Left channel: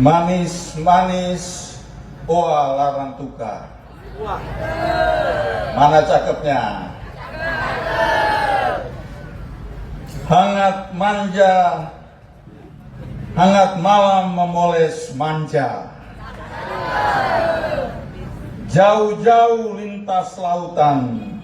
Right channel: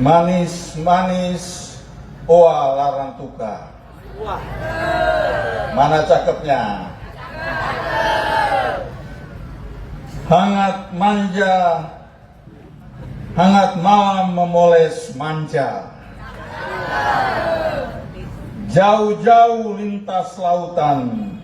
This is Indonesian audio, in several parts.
Manis-manis oa larnantuka. Mana cakepnya? Hangat manja, hangat malam memoles manja. Jauh-jauh lintas lautan.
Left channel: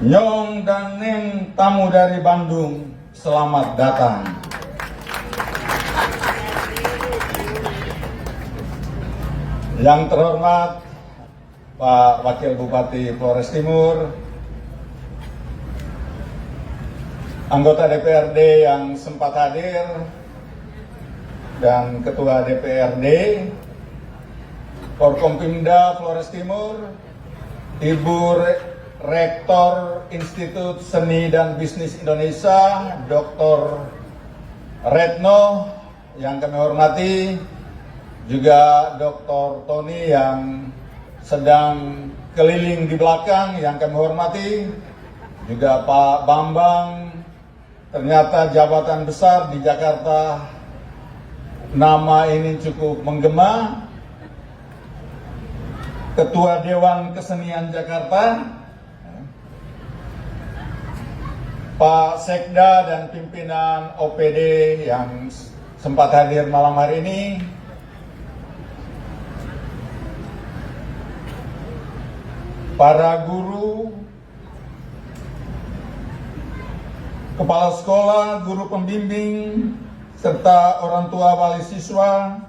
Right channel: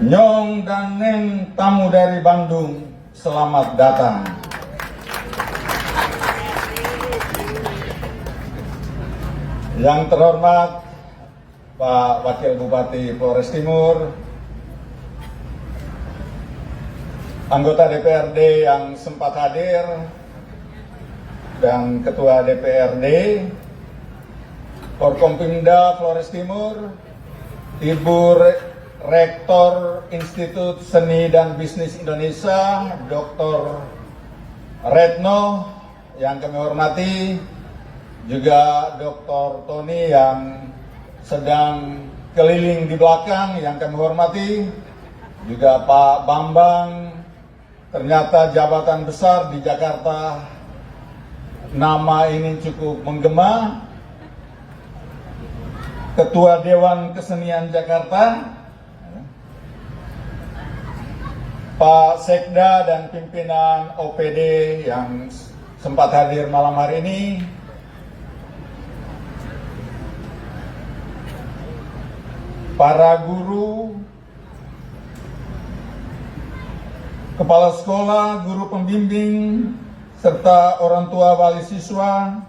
Nyong dan Neng tamu dari Bandung, selamat datang. Yang terhormat Pak Wakil Bupati Flores Timur, anggota DPRD yang sempat hadir, dan Ketua DPRD, Forkompimda Flores Timur, Ibu Rektor Institut Seni dan Bisnis Indonesia, Dr. Retno yang kami hormati, juga Dr. Tony yang sedang keliling di belakang yang kami hormati, juga Pak Bambang, ternyata jabatan besar di Jakarta, nama ini cukup menggema, Ketua Dewan Kesenian Jakarta, Pak Sekda dan pimpinan OPD yang sempat hadir malam hari ini, para guru, kepala sekolah, guru pembimbing, serta orang tua wali siswa,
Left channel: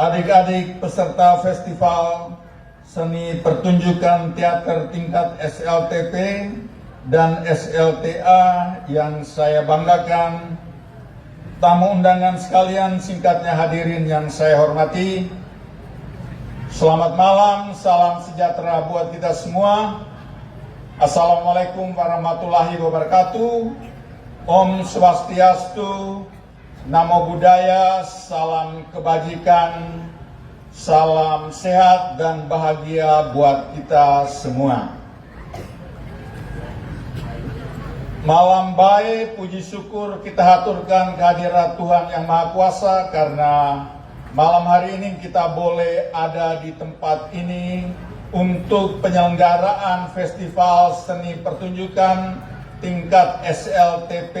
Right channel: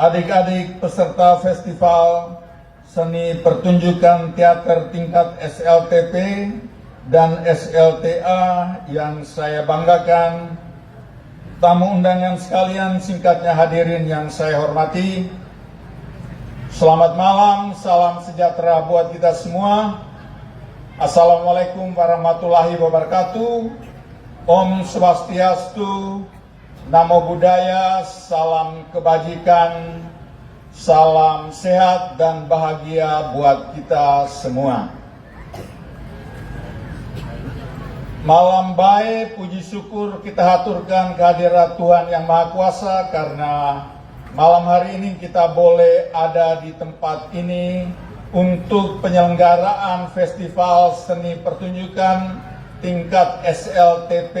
adik-adik peserta festival seni pertunjukan teater tingkat SLTP dan SLTA yang saya banggakan, tamu undangan sekalian, singkatnya hadirin yang saya hormati, selamat malam, salam sejahtera buat kita semua. Assalamualaikum warahmatullahi wabarakatuh. Om Swastiastu, Namo Buddhaya, salam kebajikan, salam sehat dan bahagia buat kita semua. Malam baik, puji syukur kita haturkan kehadirat Tuhan Yang Maha Kuasa karena malam hari ini kita boleh ada di tempat ini untuk penyelenggaraan Festival Seni Pertunjukan tingkat SLTP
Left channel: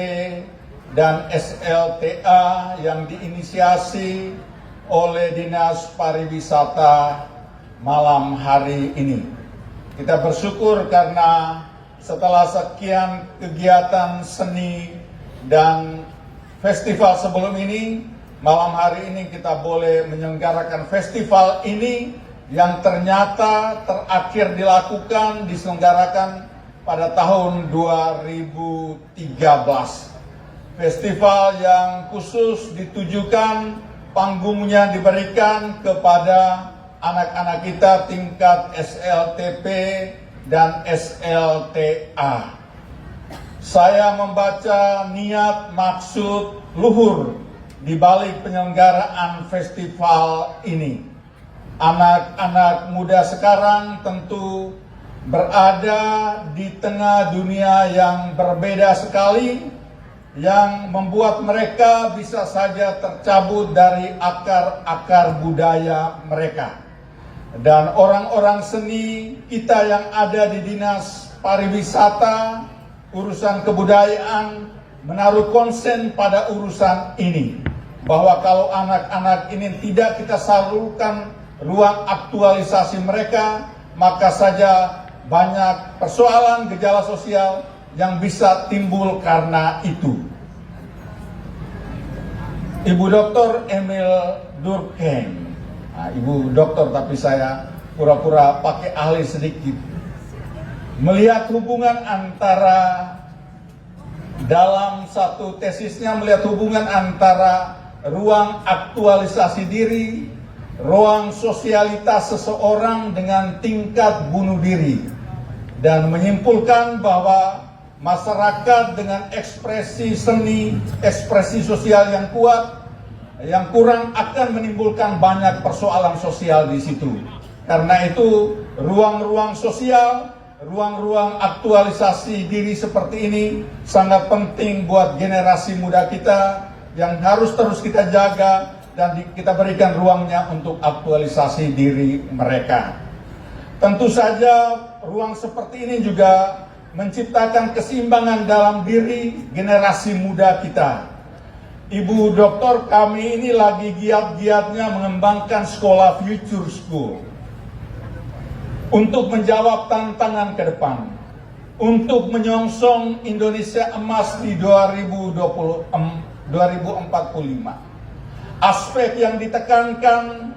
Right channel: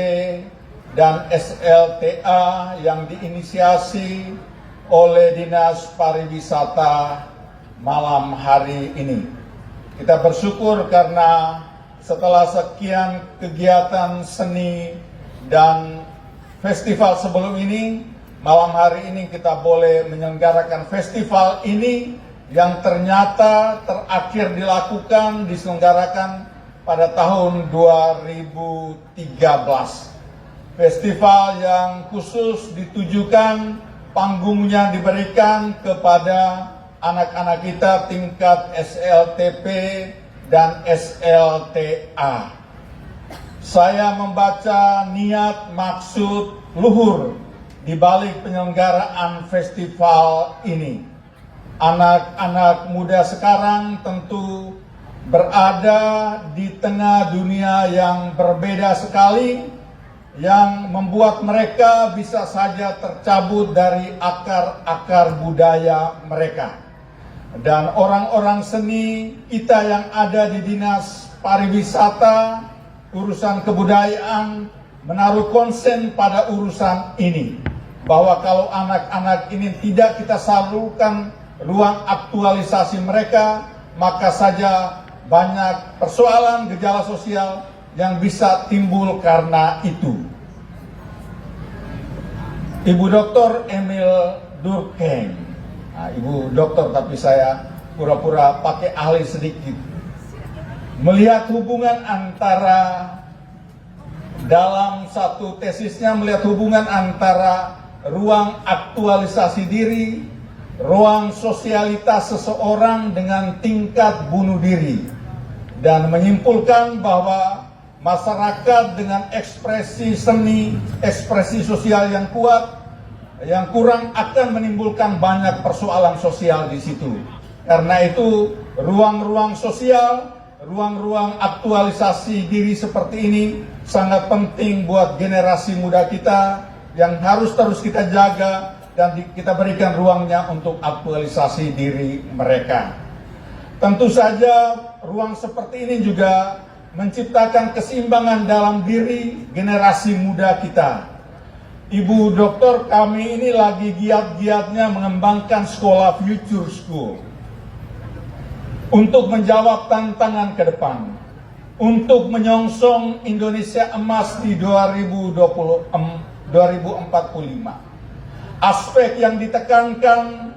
dan SLTA yang diinisiasi oleh Dinas Pariwisata malam hari ini. Kita bersyukur karena setelah sekian kegiatan seni dan festival sebelum ini, malam hari ini kita boleh menyelenggarakan festival ini yang ternyata terakhir diselenggarakan pada tahun 2013. Festival yang khusus ditujukan, panggungnya diberikan kepada anak-anak kita tingkat SLTP dan SLTA. Saya membaca niat maksud luhur di balik penyelenggaraan festival ini. Anak-anak muda sekarang tentu berada di tengah dunia yang berbeda sekali, yang membuat mereka bisa saja tercabut dari akar-akar budaya mereka. Dan orang-orang seni kita yang ada di Dinas Pariwisata, urusan kebudayaan, menaruh konsen pada urusan ini. Bahwa kalau anak-anak ini tidak kita salurkan ruang aktualisasi mereka, maka saja banyak persoalan gejala sosial yang bisa timbul karena itu. Ibu Dr. Emil Durkheim, Ibu Dokter tapi saya pura-pura pakai ahli sedikit, melihat hubungan antara, dalam satu tesisnya melihat hubungan antara ruang aktualisasi diri, ruang sosialitas seseorang dengan tingkat bunuh diri, dan menyimpulkan bahwa masyarakat dengan ekspresi seni, ekspresi sosial yang kuat, yang kurang akan menimbulkan banyak persoalan sosial di situ. Karena itu ruang-ruang sosial, ruang-ruang aktualisasi diri seperti ini sangat penting buat generasi muda kita yang harus terus kita jaga dan kita berikan ruangnya untuk aktualisasi diri mereka. Tentu saja ruang seperti ini juga menciptakan keseimbangan dalam diri generasi muda kita. Ibu Doktor kami ini lagi giat-giatnya mengembangkan sekolah Future School untuk menjawab tantangan ke depan, untuk menyongsong Indonesia Emas di 2045. Aspek yang ditekankan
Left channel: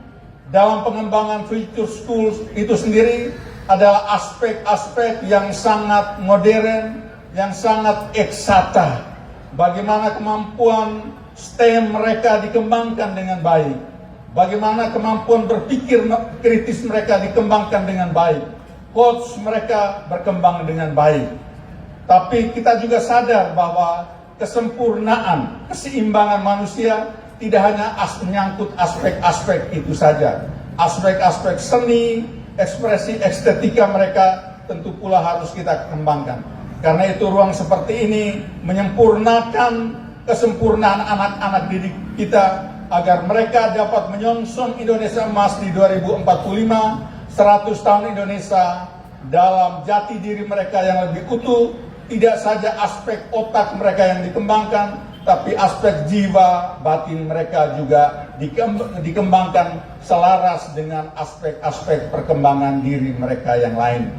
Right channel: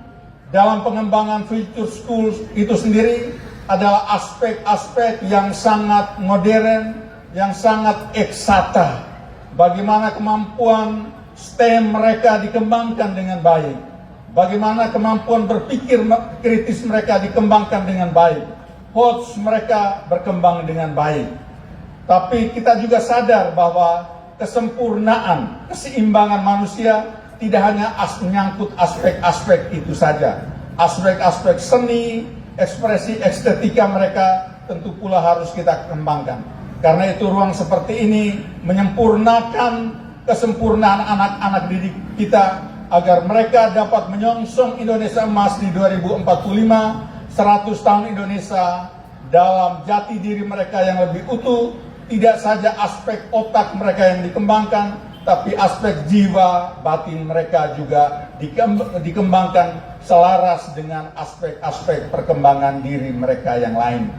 dalam pengembangan Future School itu sendiri adalah aspek-aspek yang sangat modern, yang sangat eksakta. Bagaimana kemampuan STEM mereka dikembangkan dengan baik. Bagaimana kemampuan berpikir kritis mereka dikembangkan dengan baik. Coach mereka berkembang dengan baik. Tapi kita juga sadar bahwa kesempurnaan, keseimbangan manusia tidak hanya menyangkut aspek-aspek itu saja. Aspek-aspek seni, ekspresi estetika mereka tentu pula harus kita kembangkan. Karena itu ruang seperti ini menyempurnakan kesempurnaan anak-anak didik kita agar mereka dapat menyongsong Indonesia Emas di 2045, 100 tahun Indonesia dalam jati diri mereka yang lebih utuh. Tidak saja aspek otak mereka yang dikembangkan, tapi aspek jiwa batin mereka juga dikembangkan selaras dengan aspek-aspek perkembangan diri mereka yang lain.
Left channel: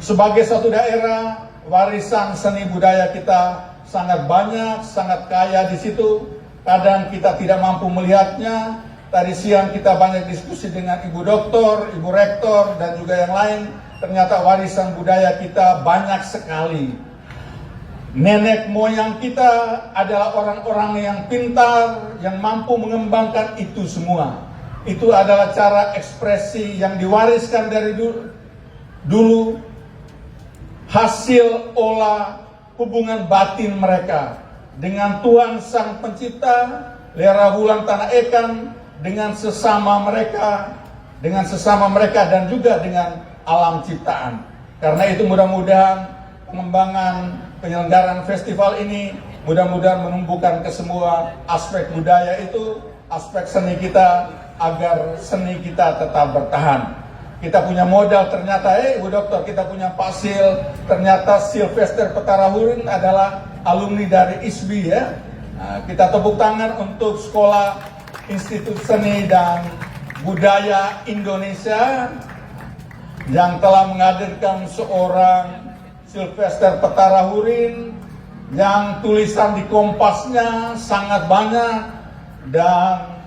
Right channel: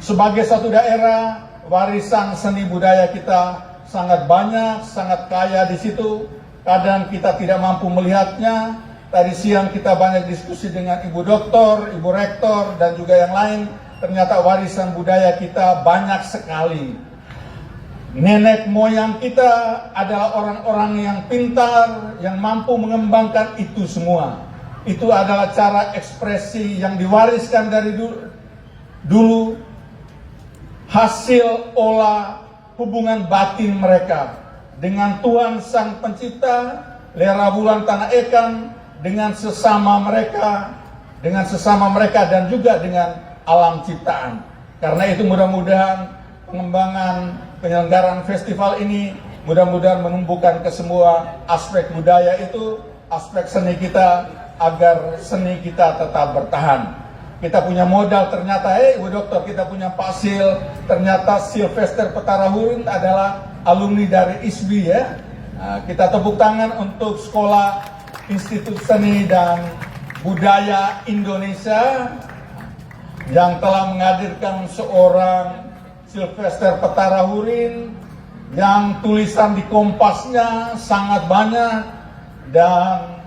Sebagai satu daerah, warisan seni budaya kita sangat banyak, sangat kaya di situ. Kadang kita tidak mampu melihatnya. Tadi siang kita banyak diskusi dengan Ibu Doktor, Ibu Rektor, dan juga yang lain. Ternyata warisan budaya kita banyak sekali. Nenek moyang kita adalah orang-orang yang pintar, yang mampu mengembangkan itu semua. Itu adalah cara ekspresi yang diwariskan dari dulu, hasil olah hubungan batin mereka dengan Tuhan Sang Pencipta, lera bulan tanah ikan, dengan sesama mereka dan juga dengan alam ciptaan. Karena itu mudah-mudahan pengembangan penyelenggaraan festival ini mudah-mudahan menumbuhkan ke semua aspek budaya itu, aspek seni kita, agar seni kita tetap bertahan. Kita punya modal ternyata, Ibu Doktor, kita punya Pasil, ternyata Sylvester Petarahurin adalah alumni dari ISBI ya. Nah, kita tepuk tangan untuk Sekolah Institut Seni dan Budaya Indonesia yang telah menghadirkan seorang Sylvester Petarahurin yang tulisan di Kompasnya sangat banyak dan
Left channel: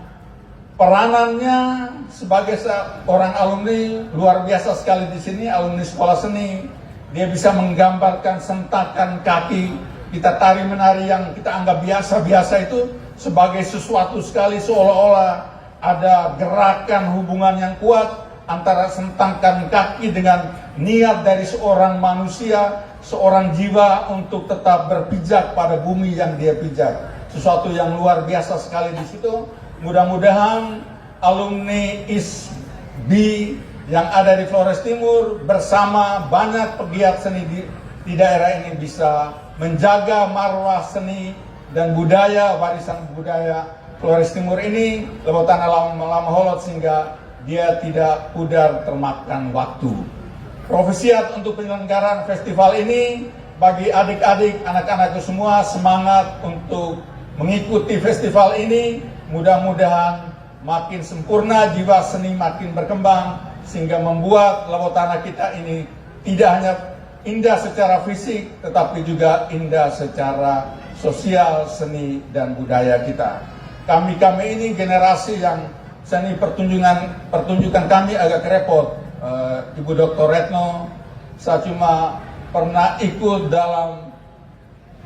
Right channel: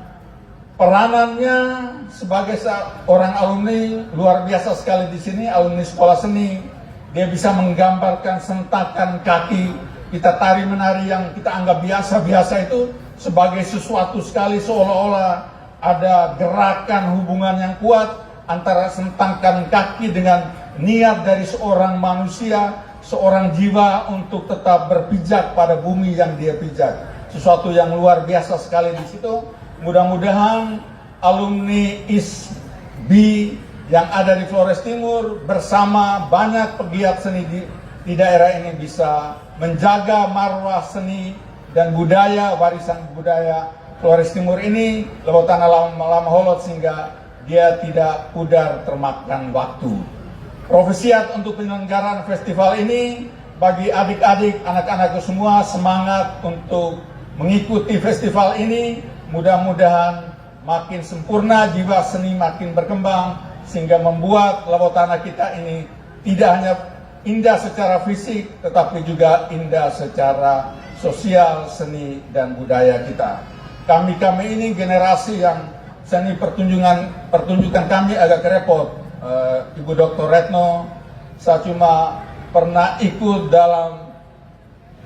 peranannya sebagai seorang alumni luar biasa sekali di sini, alumni sekolah seni. Dia bisa menggambarkan sentakan kaki kita tari menari yang kita anggap biasa-biasa itu sebagai sesuatu sekali, seolah-olah ada gerakan hubungan yang kuat antara sentakan kaki dengan niat dari seorang manusia, seorang jiwa untuk tetap berpijak pada bumi yang dia pijak. Sesuatu yang luar biasa sekali di situ. Mudah-mudahan alumni ISBI yang ada di Flores Timur bersama banyak pegiat seni di daerah ini bisa menjaga marwah seni dan budaya, warisan budaya Flores Timur ini lelotan alam holot sehingga dia tidak pudar termakan waktu. Profesiat untuk penyelenggaraan festival ini bagi adik-adik, anak-anakku semua semangat untuk mengikuti festival ini. Mudah-mudahan makin sempurna, jiwa seni makin berkembang sehingga membuat Lewotana kita ini tidak hanya indah secara fisik tetapi juga indah secara sosial, seni dan budaya kita. Kami ini generasi yang seni pertunjukan kami agak repot. Ibu Dr. Retno, saya cuma pernah ikut dalam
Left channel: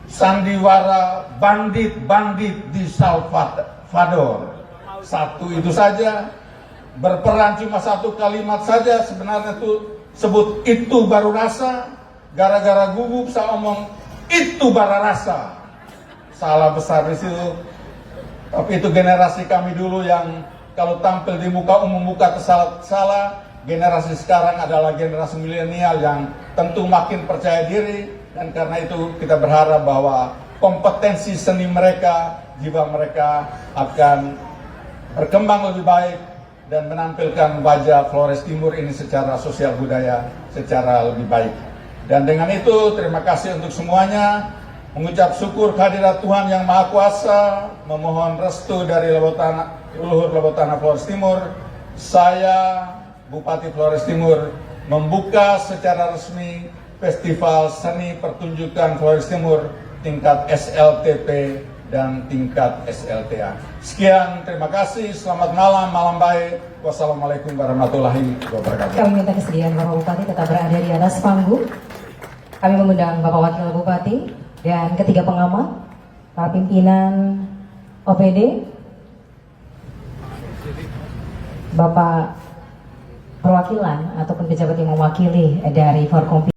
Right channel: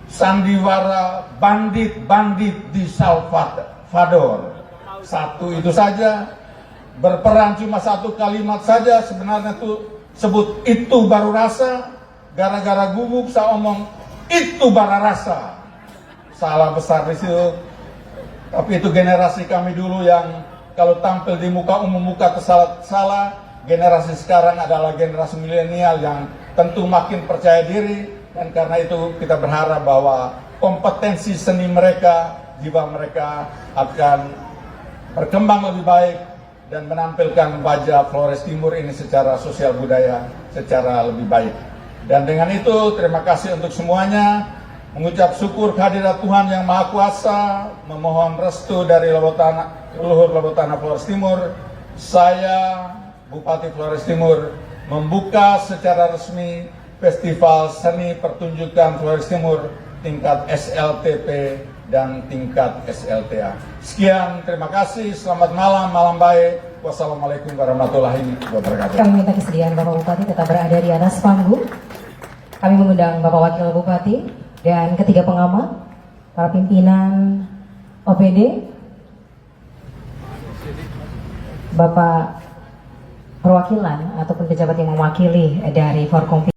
sandiwara bandit-bandit di Salvador. Satu itu saja, berperan cuma satu kalimat saja, sebenarnya tuh sebut itu baru rasa, gara-gara gugup saya omong itu baru rasa. Salah besar di situ. Tapi itu generasi kami dulu yang kalau tampil di muka umum, muka salah. Generasi sekarang adalah generasi milenial yang tentu makin percaya diri, dan karena itu kita berharap bahwa kompetensi seni mereka, jiwa mereka akan berkembang lebih baik dan menampilkan wajah Flores Timur ini secara sosial budaya secara lebih baik. Dan dengan itu terima kasih untuk semuanya, mengucap syukur kehadirat Tuhan Yang Maha Kuasa, memohon restu dari Luhur Lembah Flores Timur. Saya Bupati Flores Timur membuka secara resmi Festival Seni Pertunjukan Flores Timur tingkat SLTP dan tingkat SLTA. Sekian, terima kasih, selamat malam, malam baik. Wassalamualaikum warahmatullahi wabarakatuh. Kami minta kesediaan Bapak Bupati tetap berada di atas panggung. Kami mengundang Bapak Wakil Bupati dan ketiga pengamat, para pimpinan OPD, Bapak perwakilan ataupun pejabat yang mewakili dari Forkom